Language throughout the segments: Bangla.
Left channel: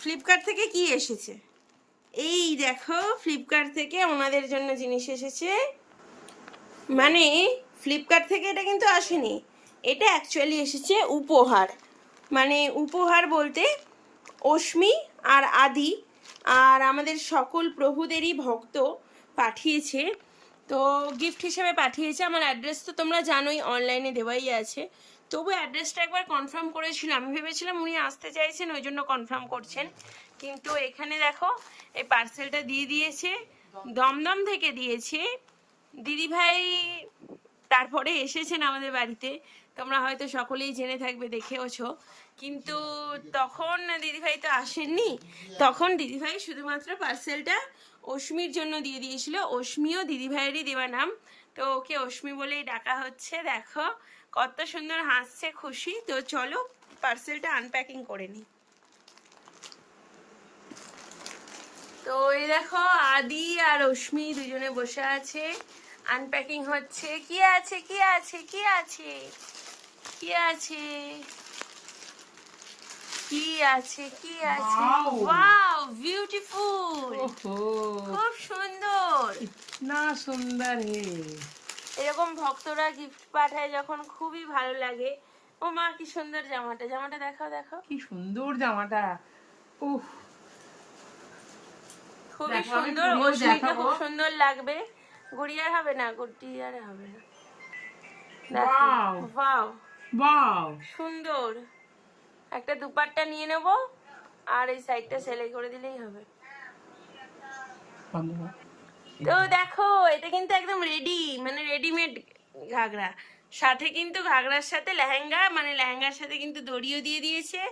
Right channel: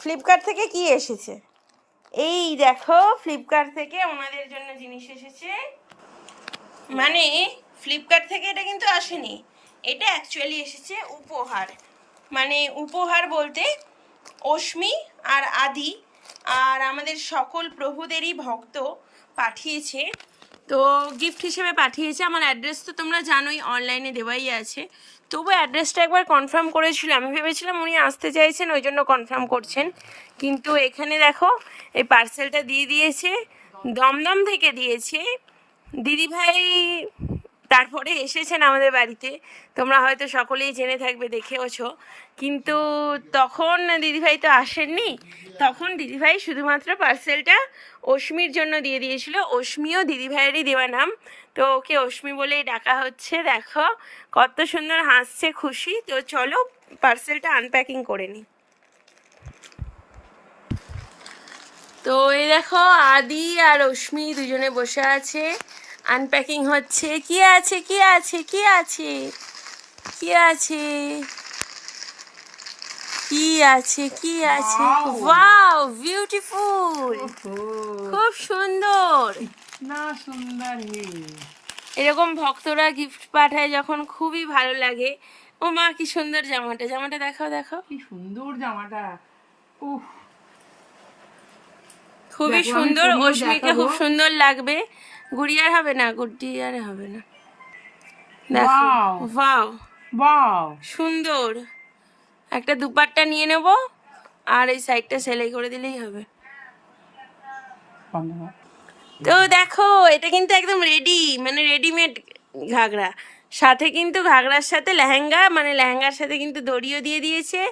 ফ্লিপকার্ট থেকে কি এসেছে? এই দেখো, ফ্লিপকার্ট থেকে ওনাদের জন্য জিনিস এসেছে। মানে ফ্লিপকার্ট থেকে এটা কিন্তু আসেনি, এটা অ্যাকচুয়ালি এসেছে উপহার। মানে উপহার বলতে অশ্মি আর আদি আর আমাদের সকল প্রভুদেরই ভক্ত পাঠিয়েছে। তো গিফট হিসেবে পাঠিয়েছে। আমার অ্যাড্রেস তো তোমরা জানোই, অনলাইনে দেওয়াই আছে। তবু অ্যাড্রেসটা একবার কনফার্ম করেছিলাম, আমি ভেবেছিলাম উনি আসতে চাইছেন ওই জন্য কনফার্ম করছেন, কিন্তু এখানে দেখো এই পার্সেলটা দিয়ে দিয়েছে, দমদম থেকে দিয়েছে দিদিভাই। তারপরে এসেছেন আমাদের বাড়িতে, তোমরা হয়তো সকলেই জেনে থাকবে, দেখেওছো। কিন্তু তখন দিদিভাই তো আসেননি, তখন দিদিভাই শুধুমাত্র পার্সেলটা অশ্মির জন্য দিয়ে দিয়েছিল। অশ্মিও দিদিভাইয়েরই দেওয়া নাম, তো ওকে অশ্মি বলেই ডাকা হচ্ছে। দেখো কত সুন্দর হাসছে, খুশি। তো চলো পার্সেলটা আনপ্যাকিং করে নিই। তো এই দেখো আদি আর অশ্মি দুজনে বসে আছে, আনপ্যাকিং হচ্ছে। কি আছে কি আছে কি আছে কি আছে কি আছে কি আছে? ওয়াও, বিউটিফুল, খুব সুন্দর। না সুন্দর হে, এরকম ভক্তরা গিফট পাঠায় যখন খুবই ভালো লাগে। ও মা কি সুন্দর জামাটা, জামাটা দেখাও দেখাও, কি সুন্দর জামাটা। উফ, খুবই সুন্দর। অশ্মিকে খুব সুন্দর লাগবে। গুড়িয়ার হবে না, গুড়িয়ার হবে না। দেখো, ওয়াও ওয়াও, সুন্দর। একটা দুপাট্টা নিয়ে নেব, আর এই সাইডটা সেলাই করে দিলেই হবে। তো দেখো এটা কিন্তু একদম রেডি, মানে রেডিমেড ঘাগরা। সাথে কিন্তু ঘাগরার সাথে লেহেঙ্গা, মানে লেহেঙ্গার সাথে কিন্তু দড়িও দিয়ে দিয়েছে।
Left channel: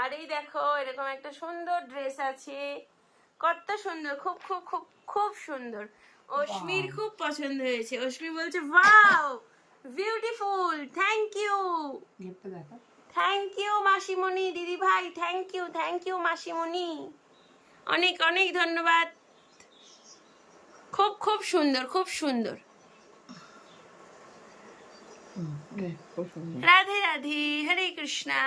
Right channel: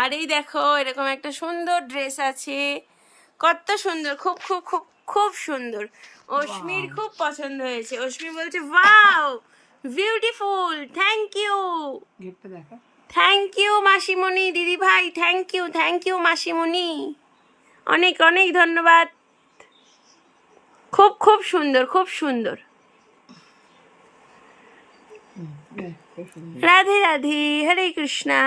আর এই দেখো এরকম একটা সুন্দর ড্রেস আছে, কত সুন্দর, খুব খুব খুব খুব সুন্দর। অশ্মির খুব পছন্দ হয়েছে, অশ্মি বলছে wow beautiful, thank you, thank you মাসিমণি, দিদি ভাই থ্যাংক ইউ মাসিমণি, অনেক অনেক ধন্যবাদ। খুব খুব সুন্দর, খুব সুন্দর। রাধে রাধে, হরে কৃষ্ণা।